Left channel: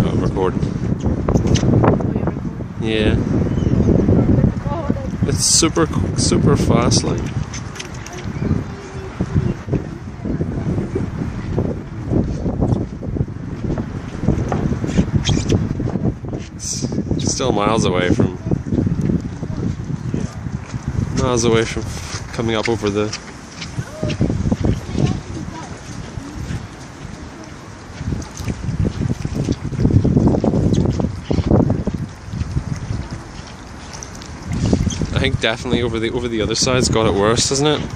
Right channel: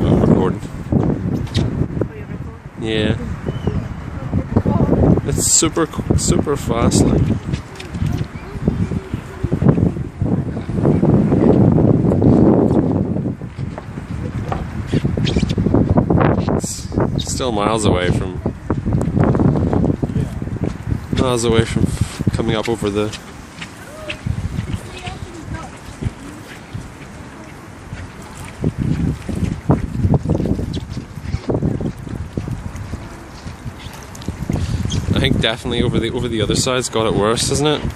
Oh, recording. Yeah. It's super fast, like. It's still miles away from coming up over the. I think definitely over the other side's got it worse, hasn't it?